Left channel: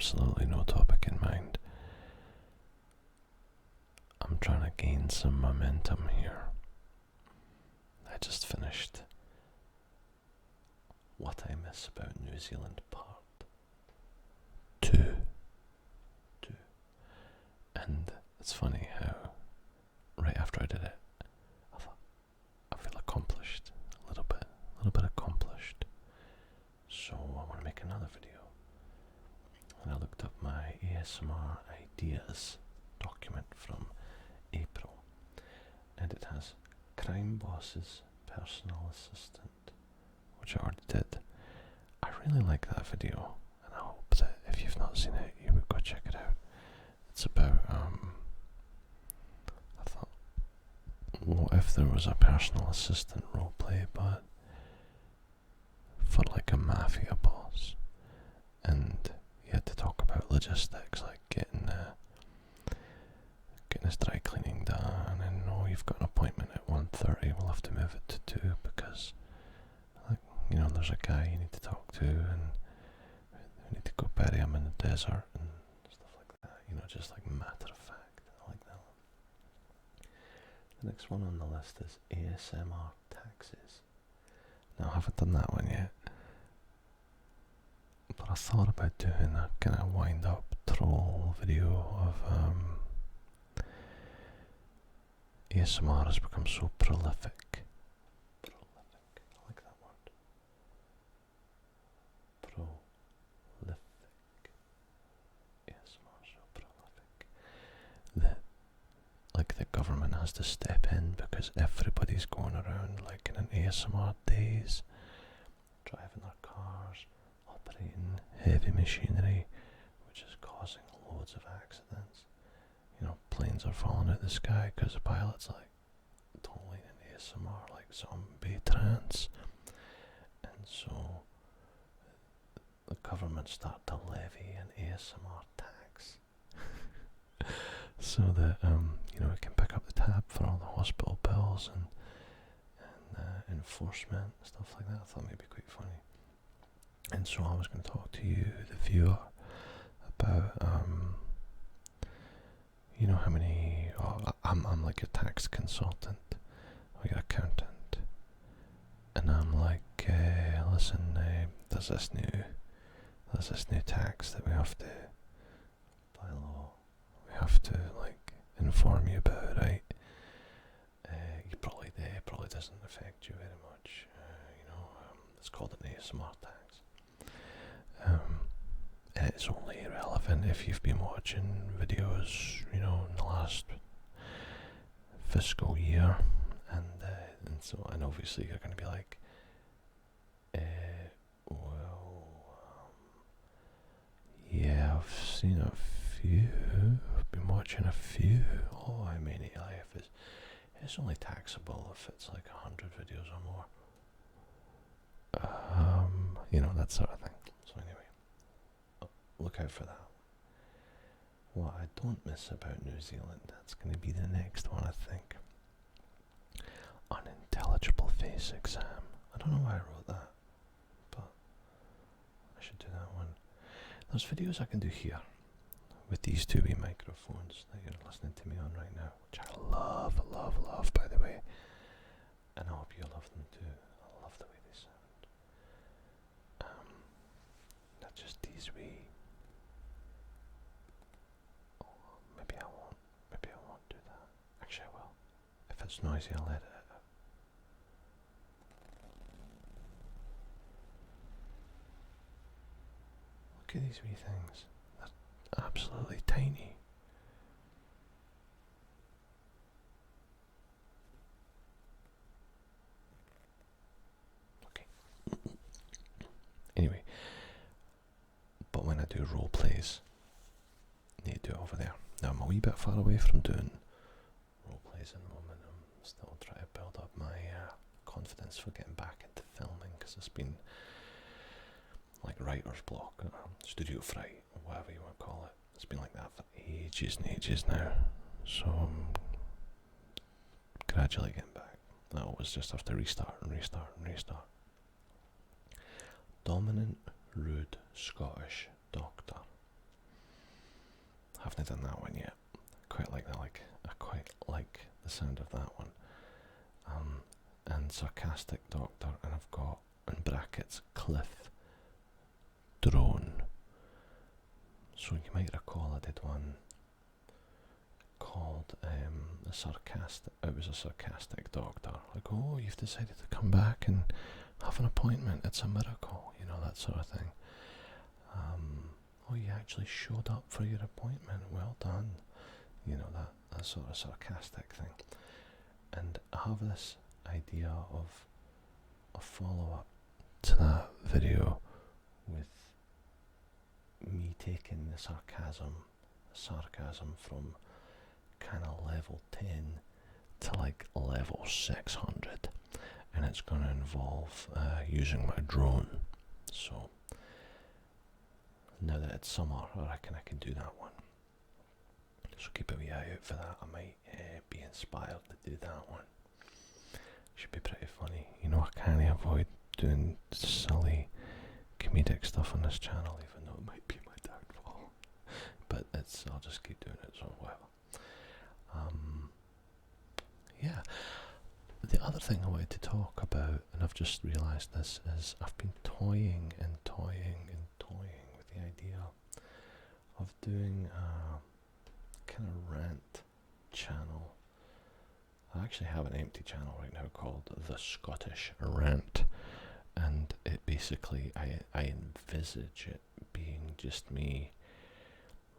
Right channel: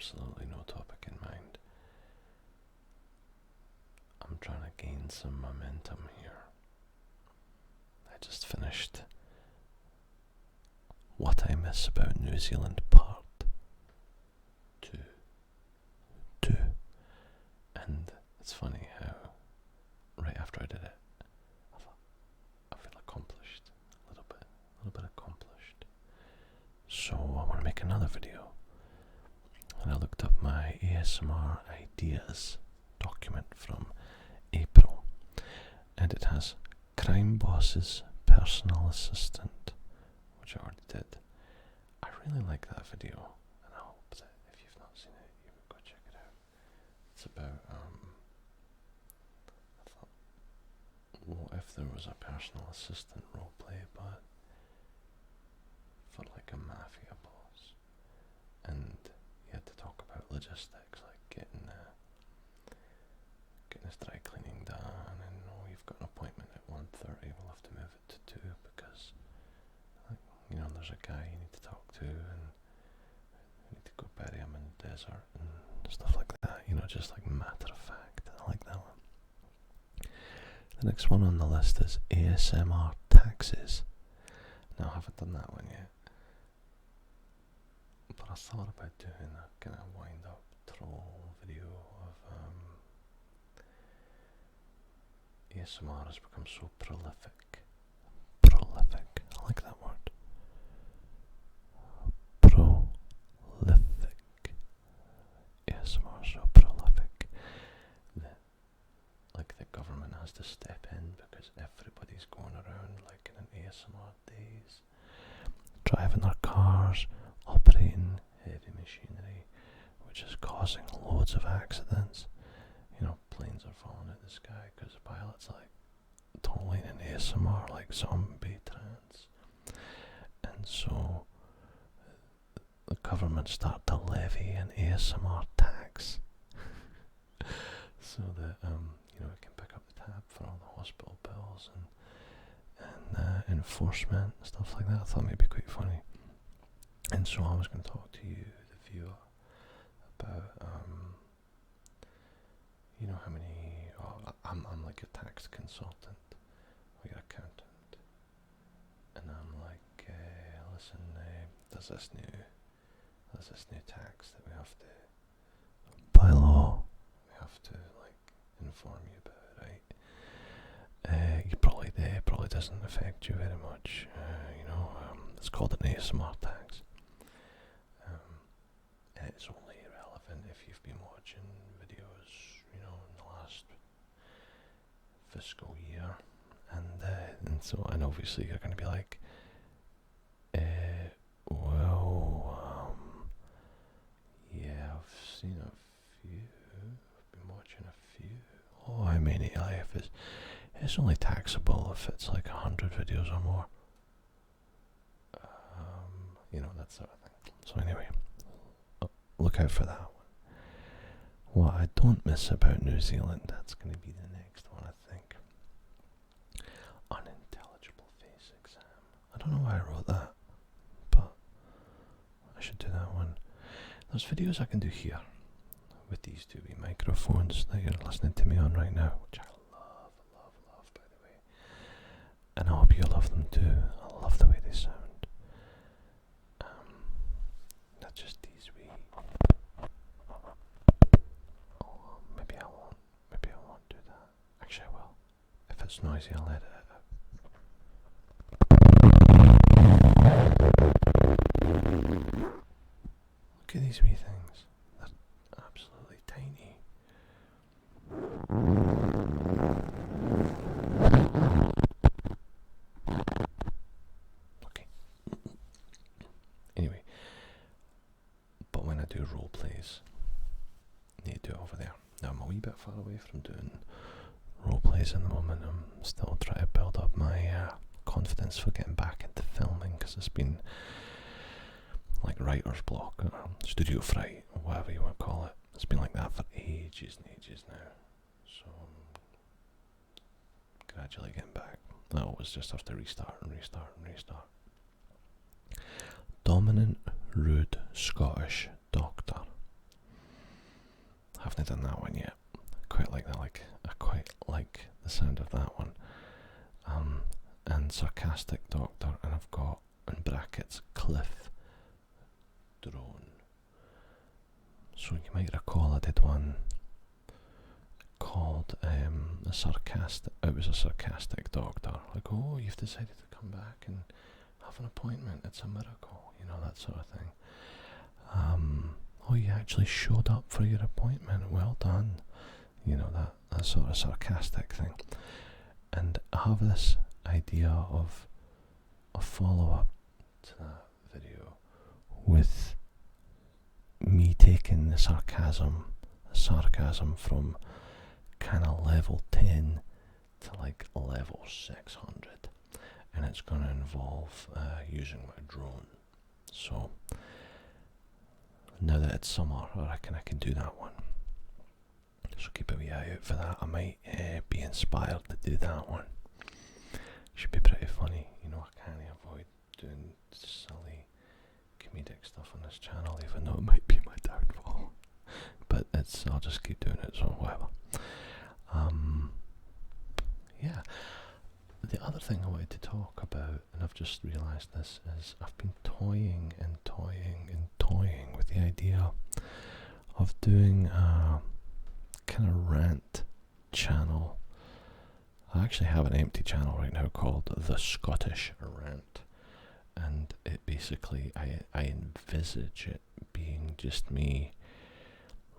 absolutely no topic in mind. I'm trying to gain some momentum here. I just finished What I Miss About New Zealand Part 2. And it's funny how right after I did it, I thought, I feel accomplished, a little bit accomplished. So I want to make another video. And I looked up my ASMR ideas document from April, and it has Crime Boss's Personal Assistant, which I already did. I really like that video, and I hope that if you've not seen it, you would go check it out. It's about, I thought, what if there was a personal assistant roleplay, but for like a mafia boss, and you had to talk about logistics, like getting his dry cleaning done, and you've got an appointment at 1:30, we'll have to move it to 2 because, like, there's a guy you need to talk to, and you need to go bury him in the desert and stuff like that, just like matter of fact. I like that one. The next one on the list is ASMR taxes. Now, I haven't done that one yet, but I thought about doing a kind of wind up troll video of ASMR has become so prolific. I like that word. Prolific. ASMR so prolific that like the government has to step in because everybody's going around like in an ASMR daze, driving their cars, operating heavy machinery, which is causing loads of accidents. Planes are falling out of the sky because the pilot's like totally in ASMR, like zombie trance. And so the government start to levy an ASMR tax so that it can pick up the tab for all the hospital bills and enforcement and stuff like that. I thought it might be quite funny. And so I was going to talk to you, the viewer, about how many. I'm like a tax consultant, or your accountant, and I'm like, listen, there's this new tax that we have to, by law, we have to like inform you about, right? It probably doesn't affect you very much, it's called an ASMR tax. And it's only relevant if you've been watching videos, in the last fiscal year, and obviously you're going to be like, yeah, I've seen a few, I've been watching a few. Oh, how many? It's only taxable if it's like 100 videos or more. That sort of thing. So anyway, look out for that one. What I don't miss about New Zealand, that's going to be the next one, I think. Unintelligible face exam. I don't know why I wrote that, but I should do that one. There's videos I can do here with these two wee microphones that you're listening to me on right now, which I love, by the way. And I hope you love them too. I love the way they sound. Not just these wee. Oh, maybe I won't do that. Actually, I will. If it's noisy, I'll edit it out. Look at these wee things. They're absolutely tiny. Okay. Anyway, but when I do role plays, I need to do it over there. Now I'm a wee bit far away from doing role plays at the moment. I'm still trying to build up my confidence for getting back into filming, because it's been like writer's block or studio fright or whatever you want to call it. It's been like that for ages and ages now. So I'm gradually getting back. I always just have to restart. Dominant, rude Scottish doctor. haven't done that one yet. Quite like that. I quite like the sound of that one. And Sarcastic Doctor, and I've got in brackets Cliff Drone. So you might recall I did one called a sarcastic. It was a Sarcastic Doctor. Like, oh, you've decided to come back and have an appointment. It's a miracle, that sort of thing. Oh, you actually showed up for your appointment. Well done. That sort of sarcastic thing. And I have this idea of a follow-up to that video with me taking the sarcasm from kind of level 10 to like level 600, and it's going to involve using my drone. So now that it's summer, I reckon I can do that one. So keep a wee eye out for that. I might be inspired to do that one. Should be pretty funny. I can't avoid doing silly comedic stuff on this channel, even though it might be my downfall. But I'll just keep doing it, so whatever. Yeah. The other thing I wanted to talk about, and I've just realised this, is I've been toying with the idea of doing a kind of rant channel. I actually have an empty channel right now called The Scottish Rant, and it basically, I envisage it being just me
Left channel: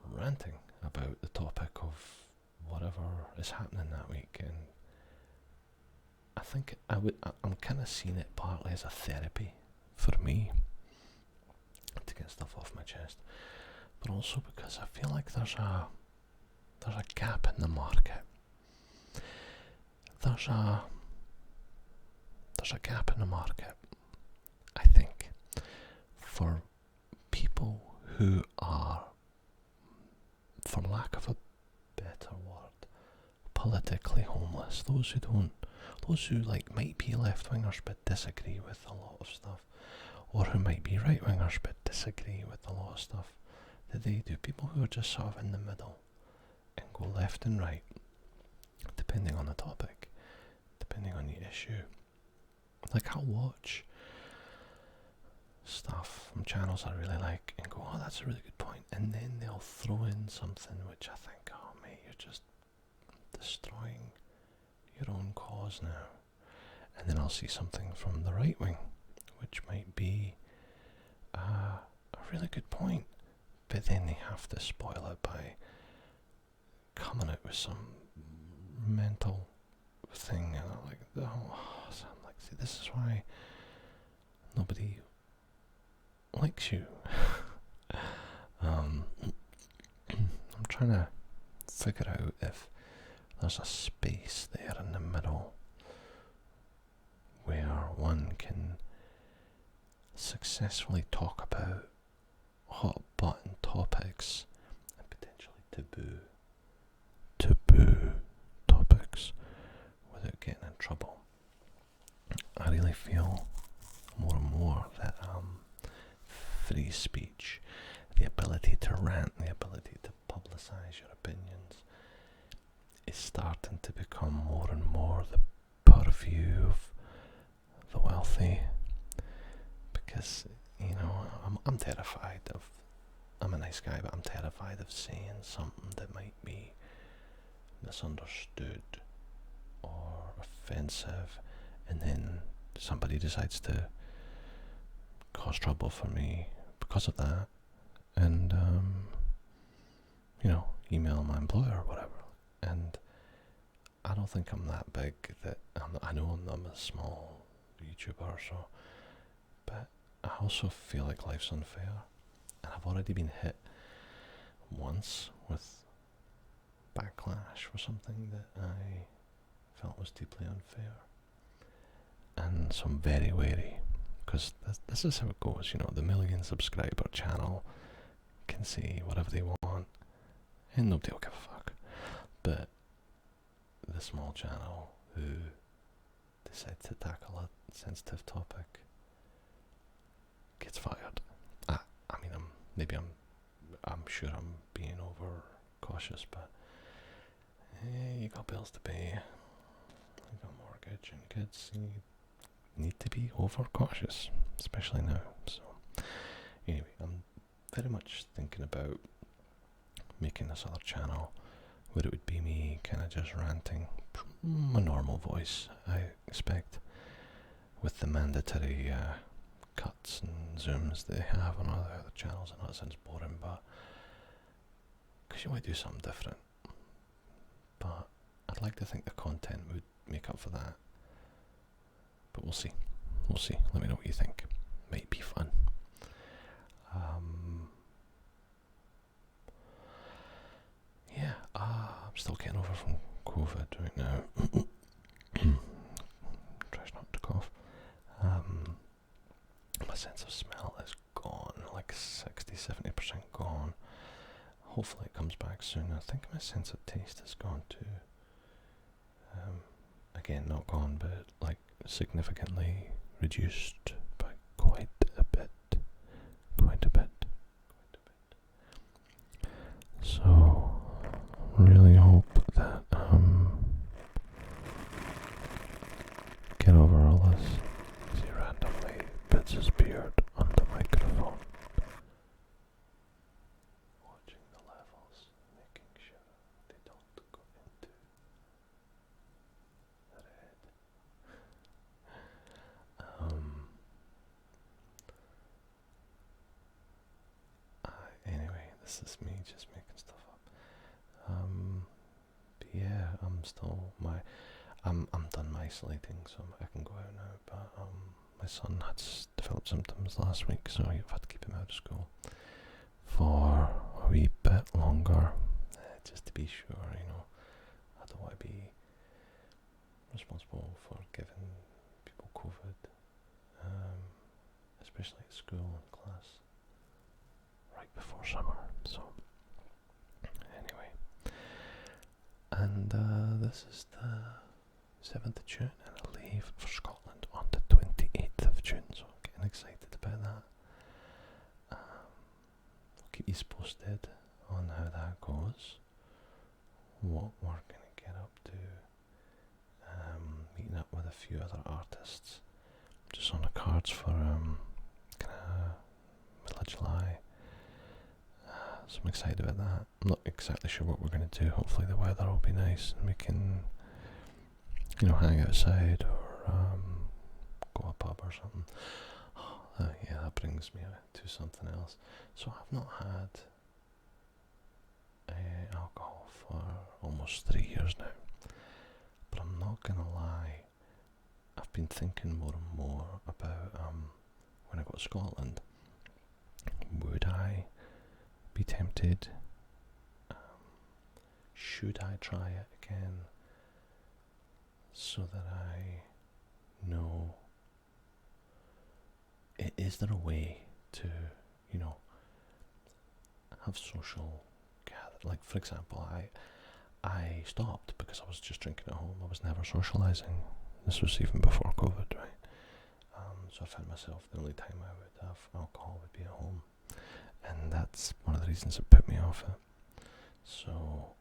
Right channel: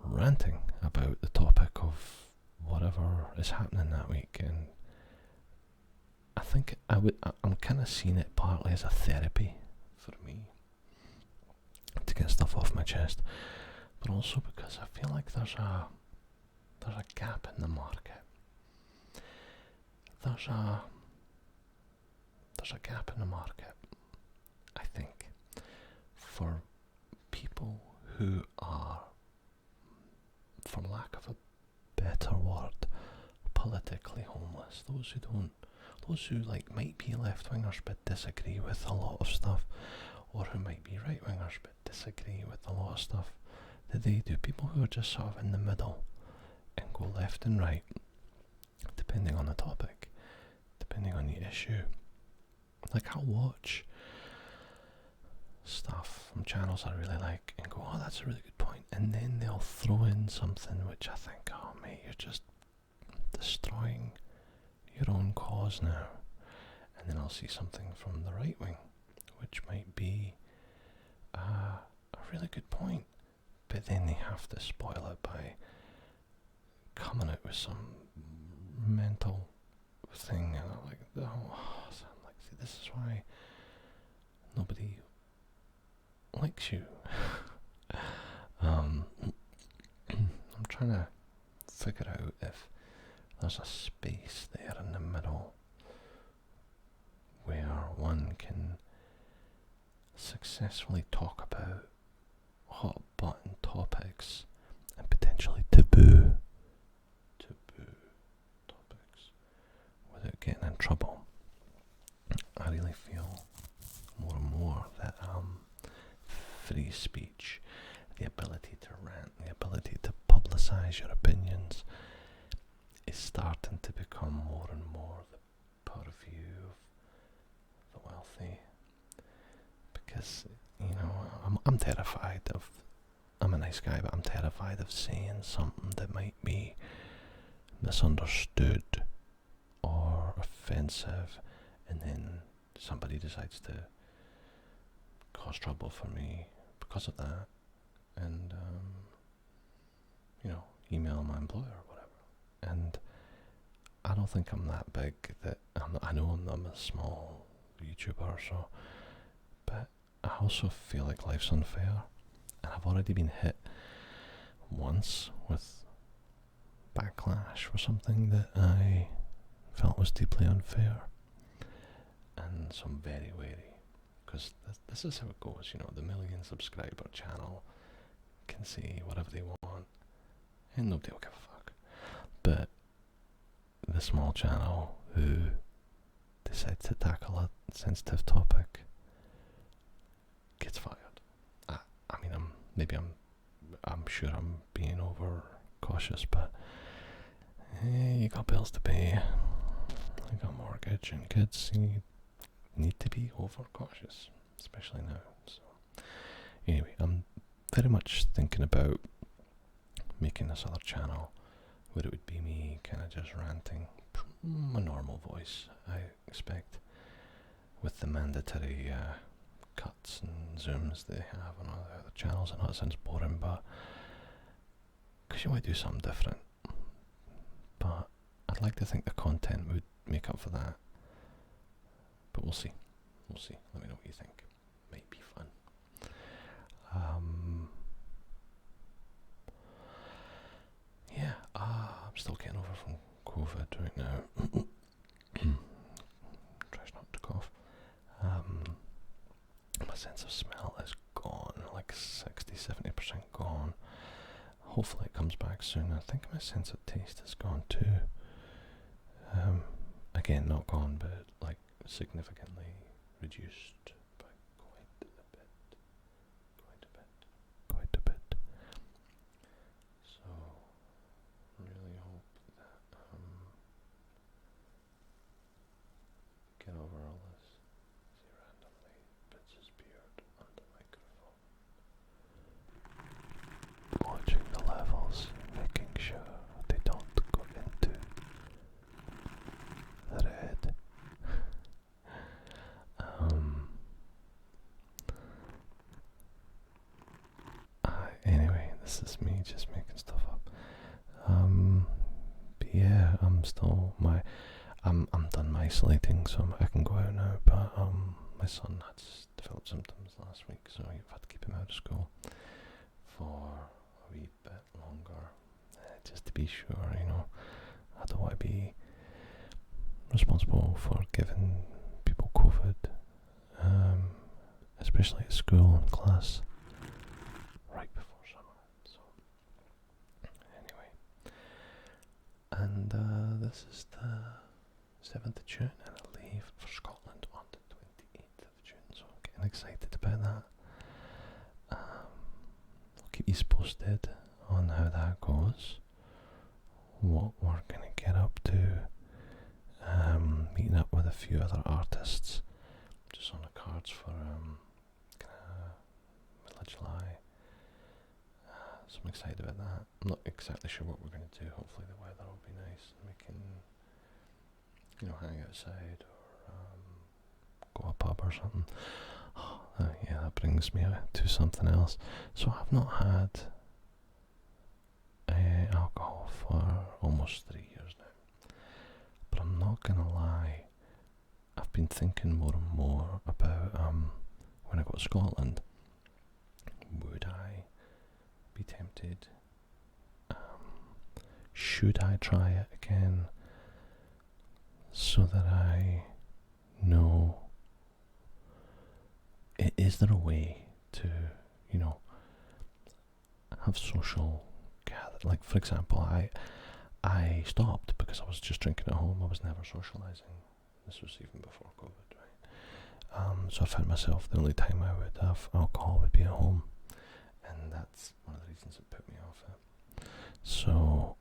ranting about the topic of whatever is happening that week. And I think I'm kind of seeing it partly as a therapy for me to get stuff off my chest, but also because I feel like there's a gap in the market. There's a gap in the market, I think, for people who are, for lack of a better word, politically homeless. Those who like might be left-wingers but disagree with a lot of stuff, or who might be right-wingers but disagree with a lot of stuff that they do. People who are just sort of in the middle and go left and right, depending on the topic, depending on the issue. Like, I'll watch stuff from channels I really like and go, oh, that's a really good point, and then they'll throw in something which I think, oh mate, you're just destroying your own cause now. And then I'll see something from the right wing which might be a really good point, but then they have to spoil it by coming out with some mental thing, and I'm like, oh, so I'm like, see, this is why nobody likes you. I'm trying to figure out if there's a space there in the middle where one can successfully talk about hot button topics and potentially taboo topics without getting in trouble. I really feel more and more that free speech, the ability to rant, the ability to publicise your opinions, is starting to become more and more the purview of the wealthy. Because, I'm terrified of, I'm a nice guy, but I'm terrified of saying something that might be misunderstood or offensive, and then somebody decides to cause trouble for me because of that, and email my employer or whatever. And I don't think I'm that big that I know I'm a small YouTuber, so, but I also feel like life's unfair, and I've already been hit once with backlash for something that I felt was deeply unfair, and so I'm very wary, because this is how it goes. The million subscriber channel can say whatever they want and nobody will give a fuck, but the small channel who decides to tackle a sensitive topic gets fired. I'm sure I'm being over cautious, but you got bills to pay, you got mortgage and kids, you need to be over cautious, especially now. So anyway, I'm very much thinking about making this other channel where it would be me kind of just ranting, my normal voice, I expect, with the mandatory cuts and zooms they have on all the other channels. I know it sounds boring, but because you might do something different. But I'd like to think the content would make up for that. But we'll see. We'll see. Let me know what you think. Might be fun. Yeah, I'm still getting over from COVID right now. Try not to cough. My sense of smell is gone, like 60-70% gone. Hopefully it comes back soon. I think my sense of taste is gone too. Again, not gone, but like significantly reduced by quite a bit. So, really hope that get over all this. He randomly puts his beard on the microphone, watching the levels, making sure they don't go into the red. Anyway, this is me just making stuff up. But yeah, I'm done isolating, so I can go out now. But my son had developed symptoms last week, so I've had to keep him out of school for a wee bit longer, just to be sure. I don't want to be responsible for giving people COVID, especially at school and class, right before summer. So anyway, and this is the 7th of June, and I leave for Scotland on the 28th of June, so I'm getting excited about that. I'll keep you posted on how that goes, what we're going to get up to, meeting up with a few other artists, just on the cards for kind of middle of July. So I'm excited about that. I'm not exactly sure what we're going to do. Hopefully the weather will be nice and we can, hang outside or go to a pub or something. Yeah, that brings me to something else. So I've not had alcohol for almost 3 years now. But I'm not going to lie, I've been thinking more and more about when I go to Scotland, would I be tempted? Should I try it again so that I know? Is there a way to, have social gather? Like, for example, I stopped because I was just drinking at home. I was never socialising. This was even before COVID, right? So I found myself the only time I would have alcohol would be at home. And that's one of the reasons that put me off it. So,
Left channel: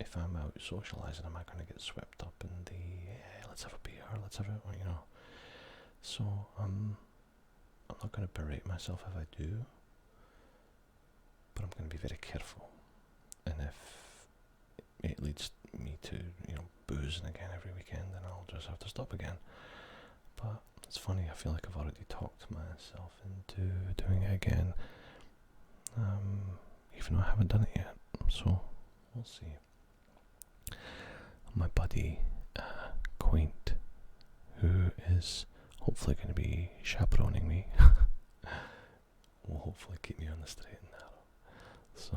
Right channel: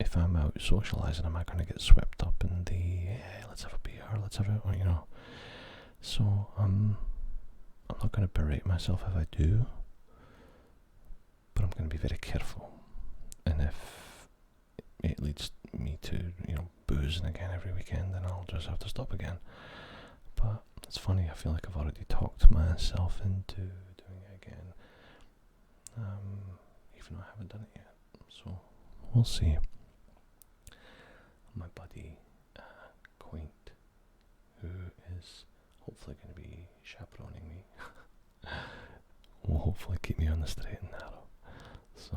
if I'm out socialising, am I going to get swept up in the, let's have a beer, let's have it, So, I'm not going to berate myself if I do, but I'm going to be very careful. And if it leads me to, boozing again every weekend, then I'll just have to stop again. But it's funny, I feel like I've already talked myself into doing it again. Even though I haven't done it yet, so we'll see. My buddy Quaint, who is hopefully going to be chaperoning me, will hopefully keep me on the straight and narrow. So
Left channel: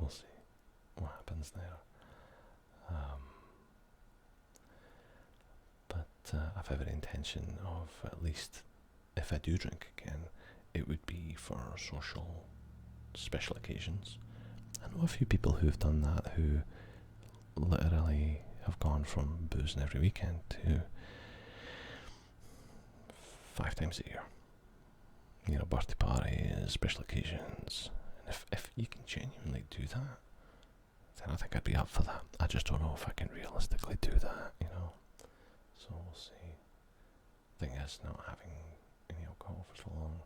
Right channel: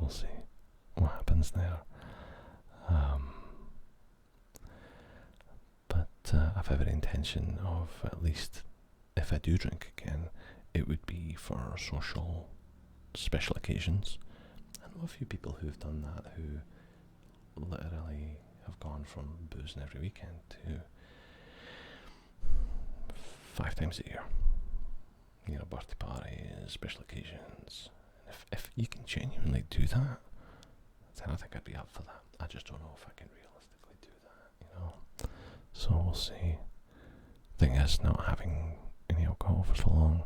we'll see what happens there. But I've every intention of, at least if I do drink again, it would be for social special occasions. I know a few people who've done that, who literally have gone from boozing every weekend to 5 times a year. Birthday parties, special occasions. And if you can genuinely do that, then I think I'd be up for that. I just don't know if I can realistically do that, you know. So we'll see. Thing is, not having any alcohol for so long,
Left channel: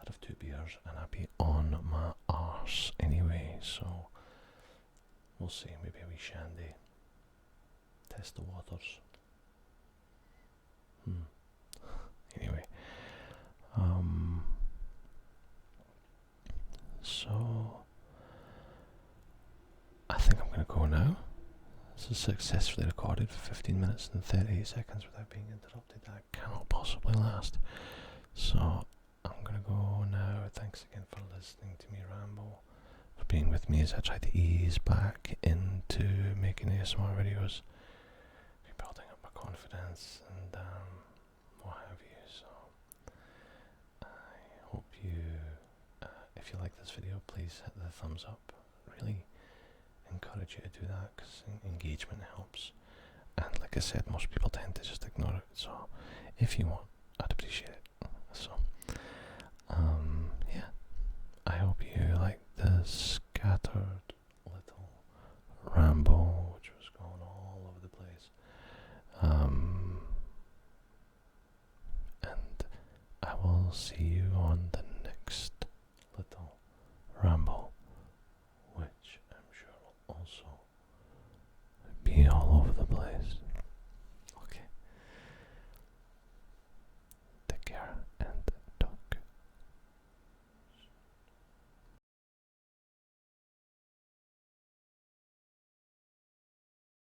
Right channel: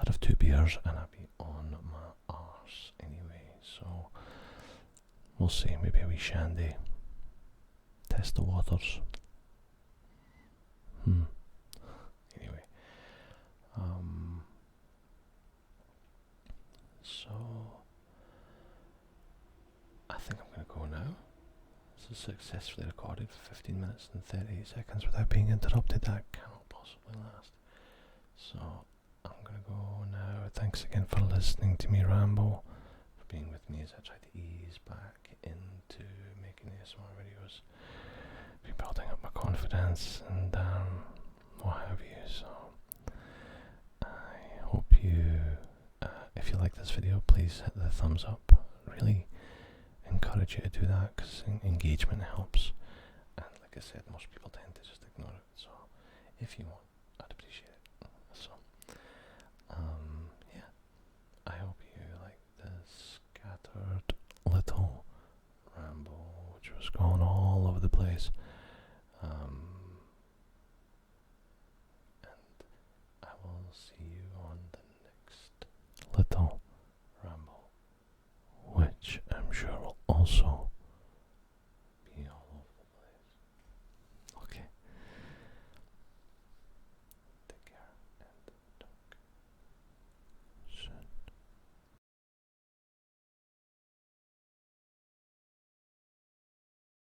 I'd have 2 beers and I'd be on my arse anyway. So we'll see. Maybe a wee shandy. Test the waters. Anyway, so I think I'm going to go now. This is successfully recorded for 15 minutes and 38 seconds without being interrupted. That cannot possibly last. So I'm going to go now. Thanks again for listening to me ramble, for being with me as I try to ease back into making ASMR videos, rebuilding up my confidence and what have you. So I hope you, if you like this video, please hit the thumbs up. Really encourage you to do that because engagement helps, and like I said, most people tend to just ignore it. So if you want, I'd appreciate it.